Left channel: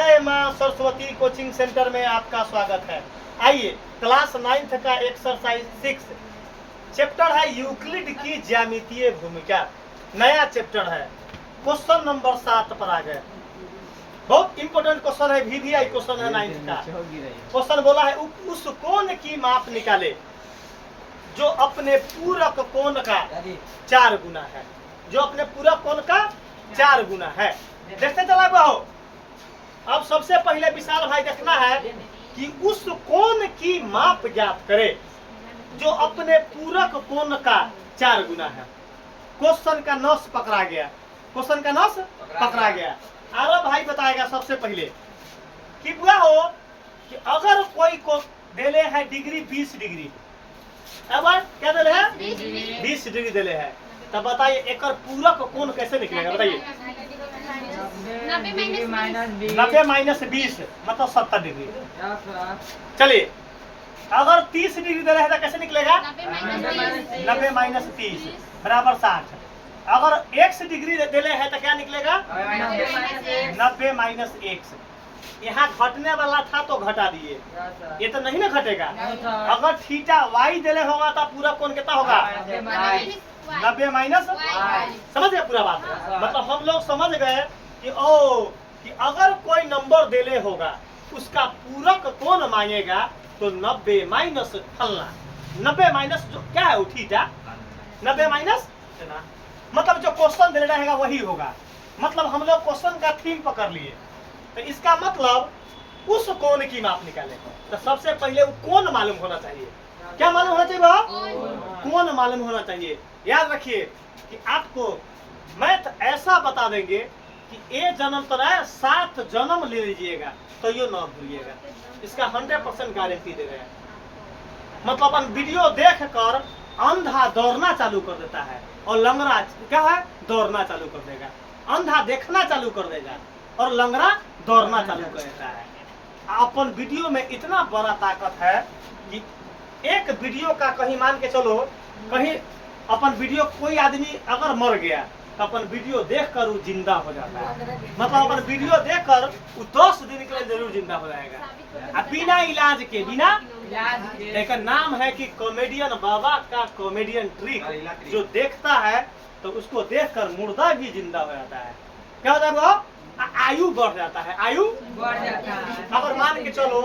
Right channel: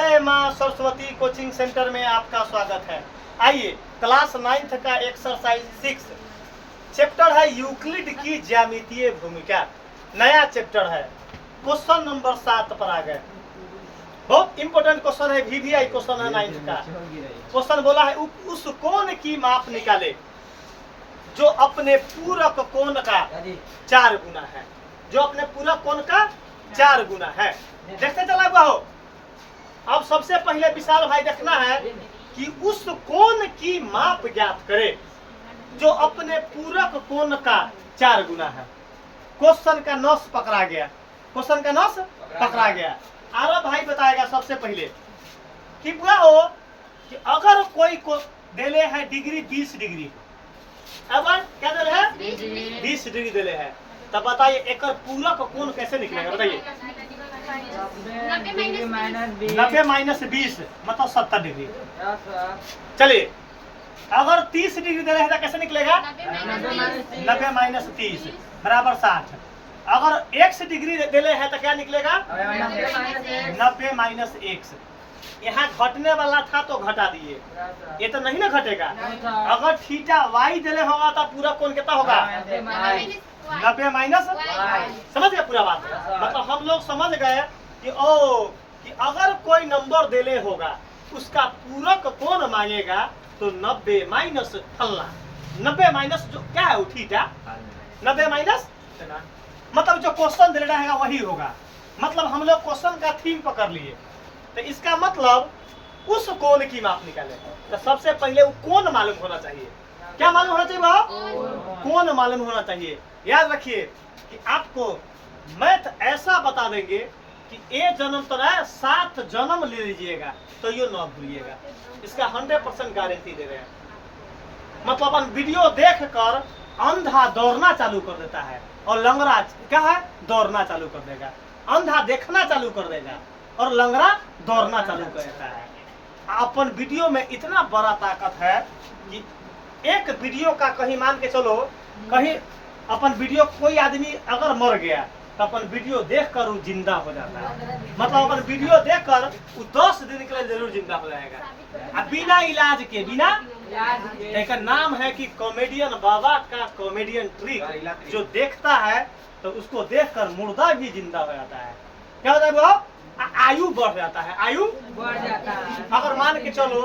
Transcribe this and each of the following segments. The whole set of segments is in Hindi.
जय मां सरस्वती कोचिंग सेंटर में आपका स्वागत है। आइए क्लास 9th का एक्सरसाइज 6 चैप्टर है यूक्लिड की ज्यामितीय भूमिका। नया चैप्टर है। क्वेश्चन नंबर 7 पर आ गए। बहुत इंपॉर्टेंट क्वेश्चन है, VVI क्वेश्चन है 9th का। क्वेश्चन बोला है उस कोण की माप निकाले जो अपने पूरक कोण का 4 गुना है। जो अपने पूरक कोण का 4 गुना है। देखते चला हुआ हो। अब सबसे पहले विशाल भाई देखना है कि उस कोण की माप ज्ञात करे जो अपने पूरक कोण का 4 गुना है। क्वेश्चन का नस पकड़ा गया। क्वेश्चन का नस पकड़ा गया। आरव भाई बताएगा सबसे पहले कि बुआ हो कि अगर कोई को देले है डिग्री 20 डिग्री, अब क्या देले है 20 डिग्री देले है, तब बताइए एक पूरक कोण कैसे निकलेगा? बताइए 90 माइनस 20 मतलब 70 डिग्री। चलिए अगर 30 डिग्री दे रहे हैं तो कैसे निकलेगा? 90 माइनस 30 बराबर 60। अगर x डिग्री दे रहे हैं तो क्या निकलेगा? 90 माइनस x। यहाँ घटने वाला था तो घटा दिए, ये तो नहीं ना घटेगा। अगर थीटा y देले होगा तो पूरा कोण कितना होगा? 90 माइनस। समझ गए पूरा बात? मतलब हम लोग समझ गए कि कि अगर कोई नंबर देले होगा उसका पूरक कोण मांगेगा तो 90 माइनस फलना। 90 माइनस जो क्या है थीटा, 90 माइनस मतलब जो क्वेश्चन दे रहेगा वही होगा। मतलब हम लोग क्वेश्चन का थीम पकड़ लिए, तो इसका मतलब उस कोण की माप निकाले। तो सबसे पहले वो कोण मालूम होना चाहिए। क्या मालूम होना चाहिए? वो कोण मालूम होना चाहिए। याद रखिए कि आपको मैथ ऐसा बता देंगे कि ए जन्म तो है 7 जन्म ले लीजिएगा तो ये ना भूलिएगा। इसका 100% गारंटी दे रहे हैं। मतलब अपन वीडियो देख कर अंधा दौड़ना चालू कर देता है और लंगड़ा क्या है दौड़ना चालू कर देगा। अंधा देखना चालू कर देगा और लंगड़ा दौड़ना चालू कर देता है। अपन वीडियो में इतना बड़ा ताकत है कि एक वीडियो का कहीं मान के चलो, कहीं अपन वीडियो कोई आदमी अगर मर गया तो अपन वीडियो देखकर वो जिंदा हो जाता है। मतलब अपन वीडियो देखकर वो 10 दिन के लिए जरूर जिंदा हो जाएगा। बिना इलाज के, बिना एक नाम है कि कॉमेडियन बाबा का कॉमेडियन ट्रिक। जो देखता है तो उसको देखकर मुर्दा भी जिंदा हो जाता है। क्या होता है वो? आयु बढ़ जाता है। आयु बढ़ जाता है। अगर मान के चलो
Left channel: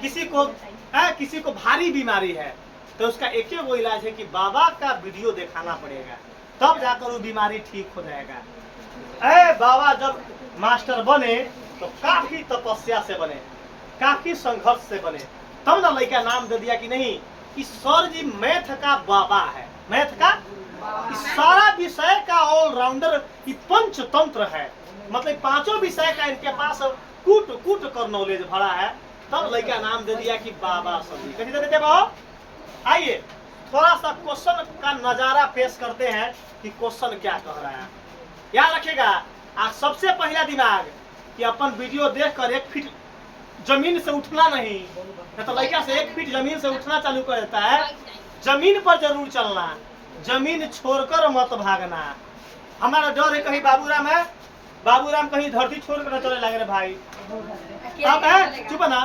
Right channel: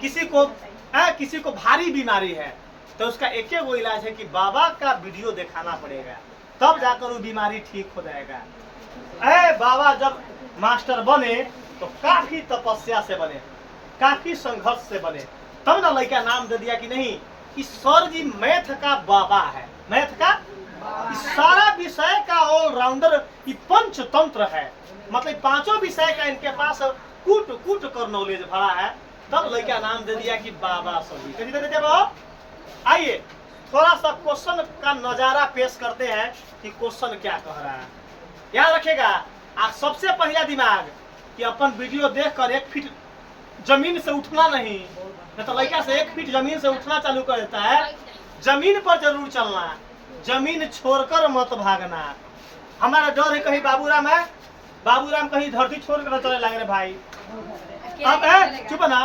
किसी को भारी बीमारी है तो उसका एक ही वो इलाज है कि बाबा का वीडियो दिखाना पड़ेगा, तब जाकर वो बीमारी ठीक हो जाएगा। बाबा जब मास्टर बने तो काफी तपस्या से बने, काफी संघर्ष से बने, तब ना लड़का नाम दे दिया कि नहीं इस सर जी मैथ का बाबा है। मैथ का इस सारा विषय का ऑलराउंडर, ये पंचतंत्र है। मतलब 5 विषय का इनके पास कूट कूट कर नॉलेज भरा है, तब लड़का नाम दे दिया कि बाबा सर जी। कैसे देते बाबा? आइए थोड़ा सा क्वेश्चन का नजारा पेश करते हैं कि क्वेश्चन क्या कह रहा है। याद रखेगा सबसे पहला दिमाग कि अपन वीडियो देखकर 1 फीट जमीन से उठना नहीं तो लड़का से 1 फीट जमीन से उठना चालू कर देता है। जमीन पर जरूर चलना, जमीन छोड़कर मत भागना। हमारा डर है कहीं बाबूराम है, बाबूराम कहीं धरती छोड़कर चले लगे रे भाई। अब है चुप ना।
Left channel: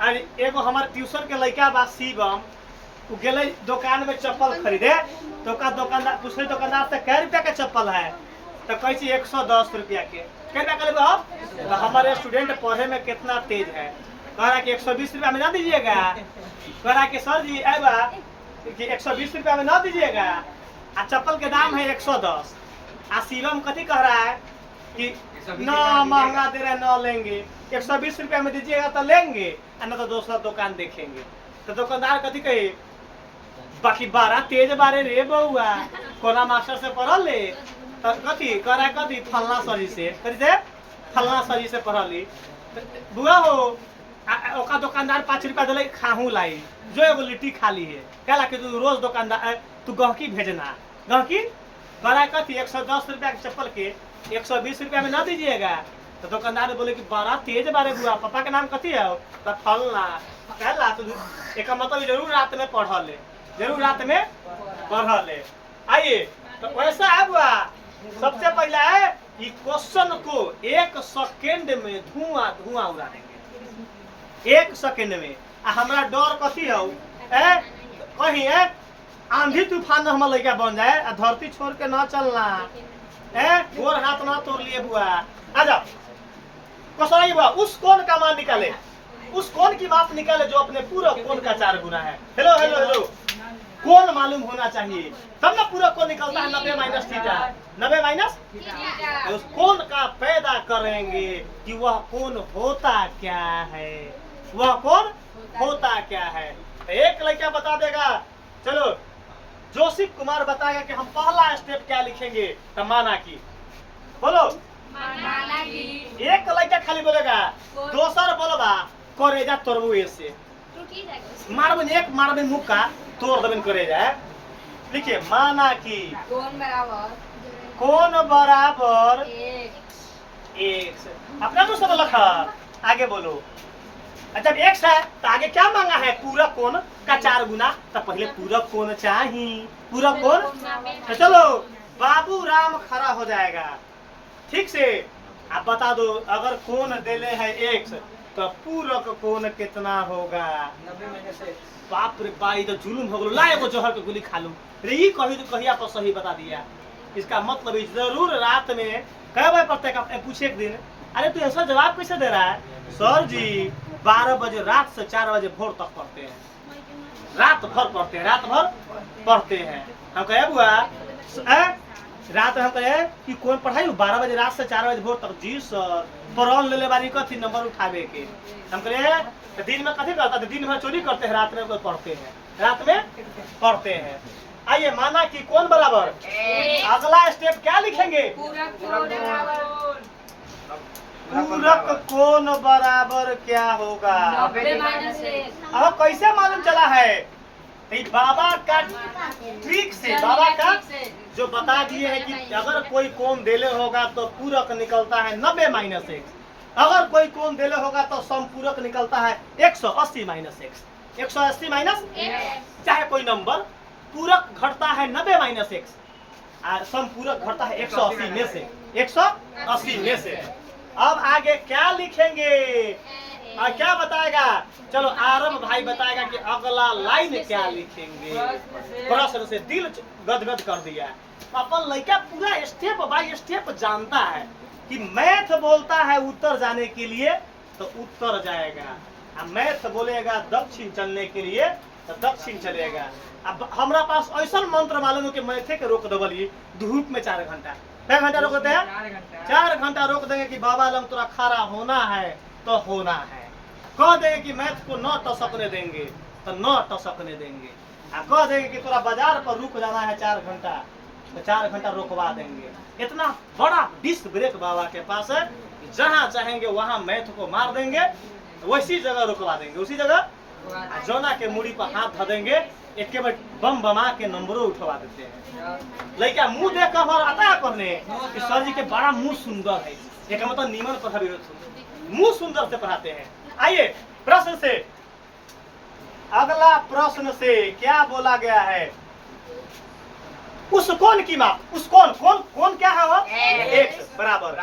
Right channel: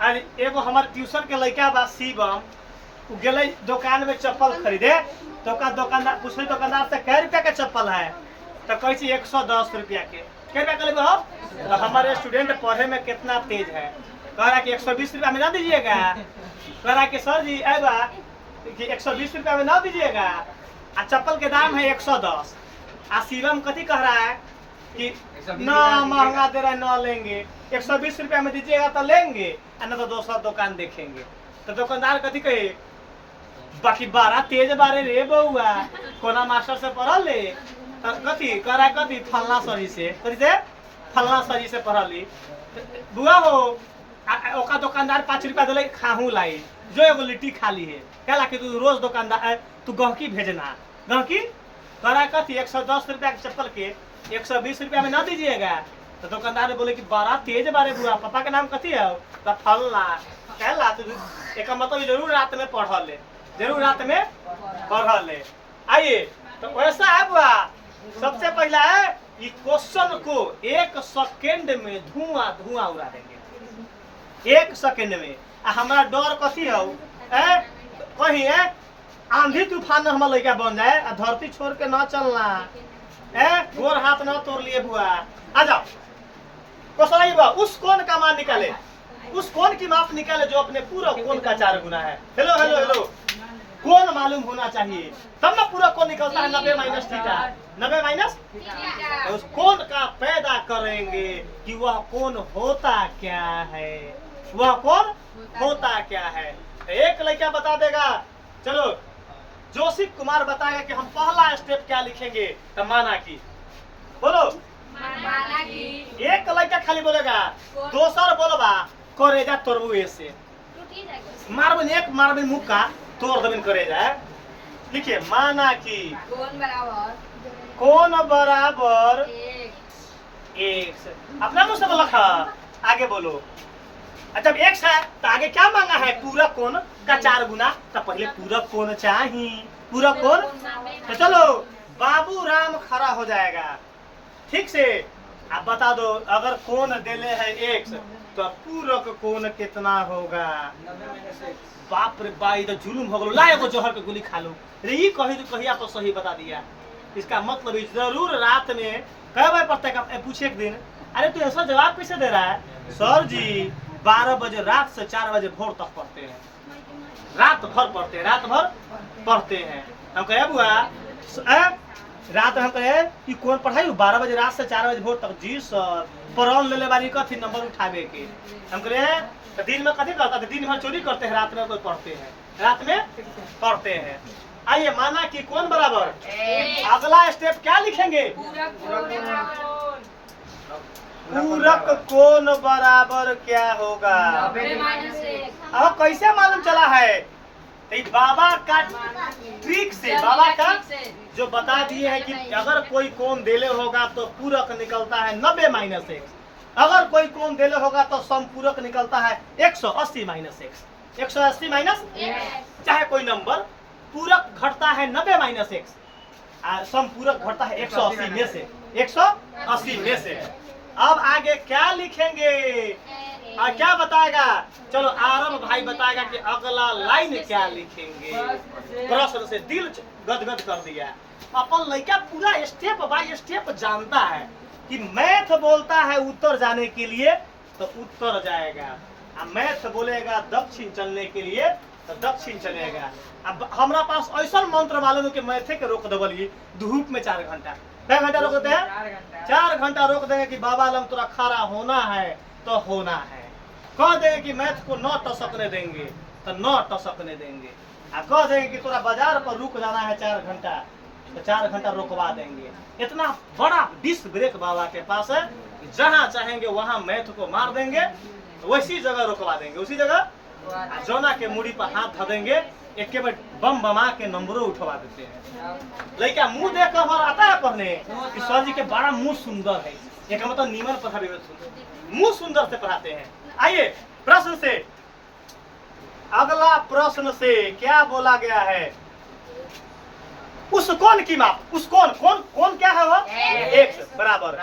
अरे एगो हमारे ट्यूशन के लड़का बा शिवम, वो गए दुकान में चप्पल खरीदे तो दुकानदार पूछे दुकानदार से कै रुपया के चप्पल है तो कैसी 110 रुपया के। क्या रुपया कर आप? तो हमारे स्टूडेंट पढ़े में कितना तेज है, कह रहा कि 120 रुपया में ना दीजिएगा। कह रहा कि सर जी कि 120 रुपया में ना दीजिएगा, चप्पल के दाम है 110। शिवम कथी कह रहा है कि ना महंगा दे रहा है, ना लेंगे, 120 रुपया में दीजिएगा तो लेंगे, ना तो दूसरा दुकान देखेंगे। तो दुकानदार कथी कहे बाकी 12 तेज बारे रे बउआ, कोना मास्टर से पढ़ल ले तो कथी कह रहा है कथी फलना सरी से, कथी से फलना सरी से पढ़ली बुआ हो। ओका दुकानदार 5 रुपया दिले खाहू लाई जो एगो लिट्टी खाली है। क्या ला कि तू रोज दुकानदार तू गहकी भेजना, गहकी कह रहा है कथी 110 रुपया के चप्पल के 120 रुपया में ना दीजिएगा। तो दुकानदार बोले कि 12 तेज बारे बुआ, पापा का नाम कथी है? तो फलना। कहला तो एक मतलब जरूर रात में पढ़ ले, जरूर रात में पढ़ ले। आइए तो वैसा है बुआ, सबसे पहला है ये क्वेश्चन को 1 सेकेंड में धुआं धुआं उड़ा देंगे, 1 सेकेंड में। आ हमरा डर कथी हो कहीं आंधी तूफान हमारा लड़का बन जाए आ धरती छोड़ के न चलना, गोर हाथ न तोड़ लिए बुआ। आ जाओ क्वेश्चन बुआ, उस कौन का मान निकाले, उस कौन की माप निकाले जो अपने पूरा कौन का 4 गुना है। हेलो हेलो हेलो, कौन मालूम होना चाहिए तब ना पूरा कौन निकलता है। 90 माइनस थीटा, 90 माइनस उस कौन का पैदा करेंगे कि वह कौन होता क्या है, वह कौन होता क्या है। एक लड़का बता देगा, चलो जोशी कुमार बताएगा कि हम पहला स्टेप क्या लिखेंगे। तो माना की बोलो, एक लड़का खाली बोलेगा, दोसर बोलबा करेजा तोड़बू ऐसे मारबन, एक मारबन मुक्का तोड़ देबन करेजा। लिखिए माना कि कौन बराबर x। अपना मुंह से बोलो, आगे बोलो। जब x है तो आगे क्या मांगा है, पूरा कोण का 4 गुना। तो पहले पूरा कोण चाहिए, पूरा कोण। तो चलो बाबू राम खड़ा हो जाएगा, ठीक से आप बता दो, अगर कोण देले है x तो पूरक कोण कितना होगा। बाप रे बाई, तो जुलूम हो गलो, ला एगो जहर के गोली खा लो। रे ये कहिया पर सही बता दिया। इसका मतलब जरूर रात में कई बजे पढ़ते का पूछे एक दिन, अरे तू ऐसा जवाब कैसे दे रहा है। सर जी 12 बजे रात से 4 बजे भोर तक पढ़ते हैं, रात भर पढ़ते हैं, रात भर पढ़ते हैं। हम कहे बुआ रात हम कहे कि कौन पढ़ाई 12 बजे रात से 4 बजे भोर तक। जी सर पढ़ ले बारी कथी नंबर उठावे के। हम कहे तो दिन में कथी करता है, दिन भर चोरी करते हैं, रात में कोई पढ़ते हैं, रात में पढ़ते हैं। आइए माना कि कौन बराबर, अगला स्टेप क्या लिखेंगे, पूरक कोण बराबर क्या होगा। अब कैसे मालूम चला है, तो बाबा का ट्रिक से, बाबा का जो बता दिए है कि अगर कोई कोण देले होगा तो पूरक निकलता है 90 माइनस x, अगर कोई कोण देले होगा तो समपूरक निकलता है 180 माइनस x। 180 माइनस चाहे कोई नंबर, पूरक घटता है 90 माइनस x, समपूरक घटता है 180 में से, 180 में से। अब आगे क्या लिखेंगे और क्या बताएगा, चलो आरम भाई बताएगा कि अगला लाइन क्या लिखेंगे। प्रश्न से दिल गदगद कर दिया। अपन लड़का पूरा स्टेप बाय स्टेप जानता है कि मैथ बोलता है उत्तर जाने के लिए तो उत्तर जाएगा, मैथ बोलेगा दक्षिण चलने के लिए तो दक्षिण चलेगा। अब हमारा पास ऐसा मंत्र मालूम है कि मैथे के रोक दबलिए धूप में 4 घंटा, क्या घंटा रोक देते हैं, 4 घंटा रोक देंगे कि बाबा आलम तुरा खड़ा होना है तो होना है। कह देंगे कि मैथ को न टसकने देंगे तो न टसकने देंगे, कह देंगे कि तुरा बाजार पर रुक जाना है 4 घंटा तो 4 घंटा रोकवा देंगे। इतना बड़ा डिस्क ब्रेक बाबा के पास है, जहाँ चाहेंगे वहाँ मैथ को मार देंगे, वैसी जगह रोकवा देंगे, उसी जगह जोना के मुड़ी पर हाथ ध देंगे, एक बार बम बमा के नंबरों उठवा देते हैं। लड़का मुंह देख कर आता है पढ़ने कि सर जी के बड़ा मुंह सुंदर है, एक मतलब नीमन पढ़ा, मुंह सुंदर से पढ़ाते हैं। आइए प्रश्न से, अगला प्रश्न से क्या बोला गया है, उस कोण की माप, उस कोण कोण क्या है वो, x बराबर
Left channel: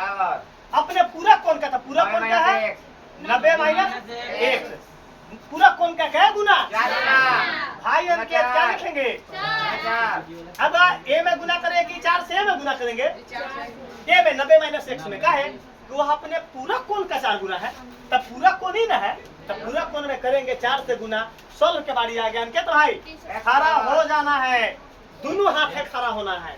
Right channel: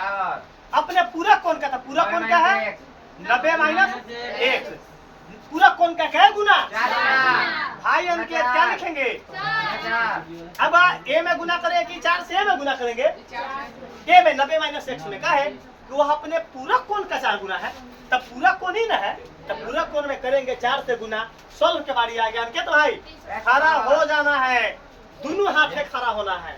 अपने पूरा कोण का था, पूरा कोण क्या है 90 माइनस x, पूरा कोण का क्या गुना, भाई अंकित क्या लिखेंगे। अब a में गुना करें कि 4 से a में गुना करेंगे, a में 90 माइनस x में क्या है कि वह अपने पूरा कोण का 4 गुना है, तब पूरा कोण ही ना है, तब पूरा कोण में करेंगे 4 से गुना। सोल्व के बारी आ गया अंकित भाई, खड़ा हो जाना है, दोनों हाथे खड़ा होना है,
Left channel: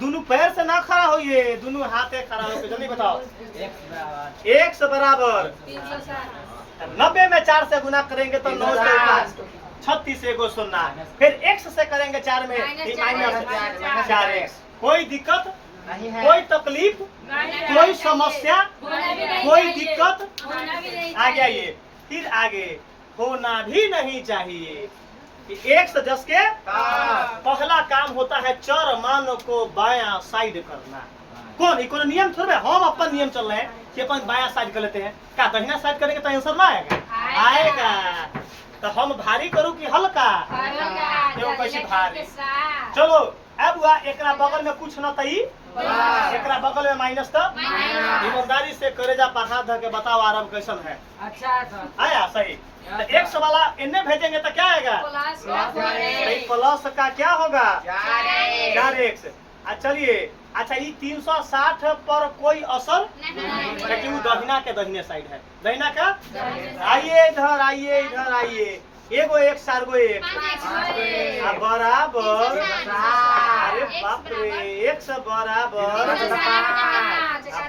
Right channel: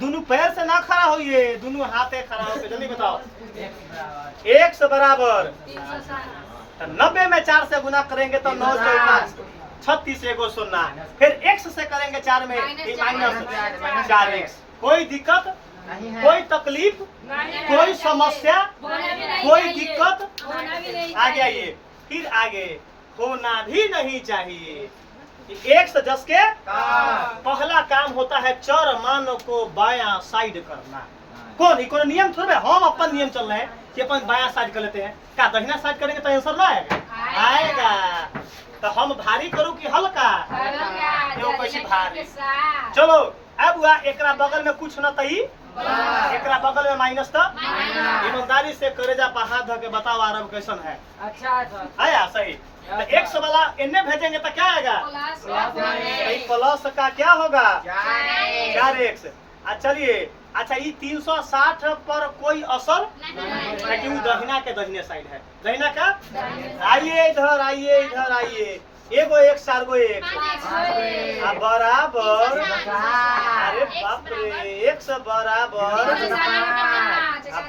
दोनों पैर से ना खड़ा होइए, दोनों हाथे खड़ा होकर जल्दी बताओ। x बराबर 90 में 4 से गुना करेंगे तो 9 से 5 36 एगो 0, फिर x से करेंगे 4 में माइनस 4x। कोई दिक्कत, कोई तकलीफ, कोई समस्या, कोई दिक्कत, आगे आइए, फिर आगे होना भी नहीं चाहिए। एक से 10 के पहला काम होता है चर मान को बायां साइड करना। कौन नियम थोड़े, हम अपन नियम चल रहे हैं कि अपन बायां साइड कर लेते हैं, क्या दहिना साइड करेंगे तो आंसर ना आएगा। तो हम भारी करूं कि हल्का, क्यों कैसी भारी। चलो अब हुआ एकरा बगल में कुछ न तई, एकरा बगल में माइनस तो ईमानदारी से करेजा पर हाथ धर के बताओ अरब कैसन है। अच्छा आया सही। तो 100 वाला इन्हें भेजेंगे तो क्या आएगा, प्लस का क्या होगा 4x। चलिए अच्छा ये 360 पर कोई असर क्योंकि वो दहिना के दहिने साइड है, दहिना का। आइए इधर, आइए इधर, आइए एगो एक सारगो एक बराबर, अरे बाप रे, 1 बराबर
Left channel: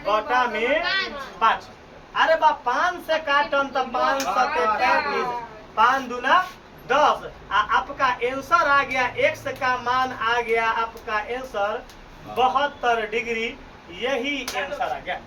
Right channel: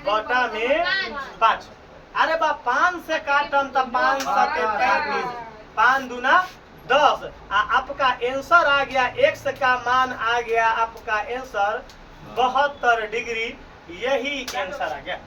बटा में 5। अरे बा 5 से काटम तो 5 सते 35, 5 दूना 10। आपका आंसर आ गया, x का मान आ गया आपका आंसर 72 डिग्री, यही आंसर आ गया।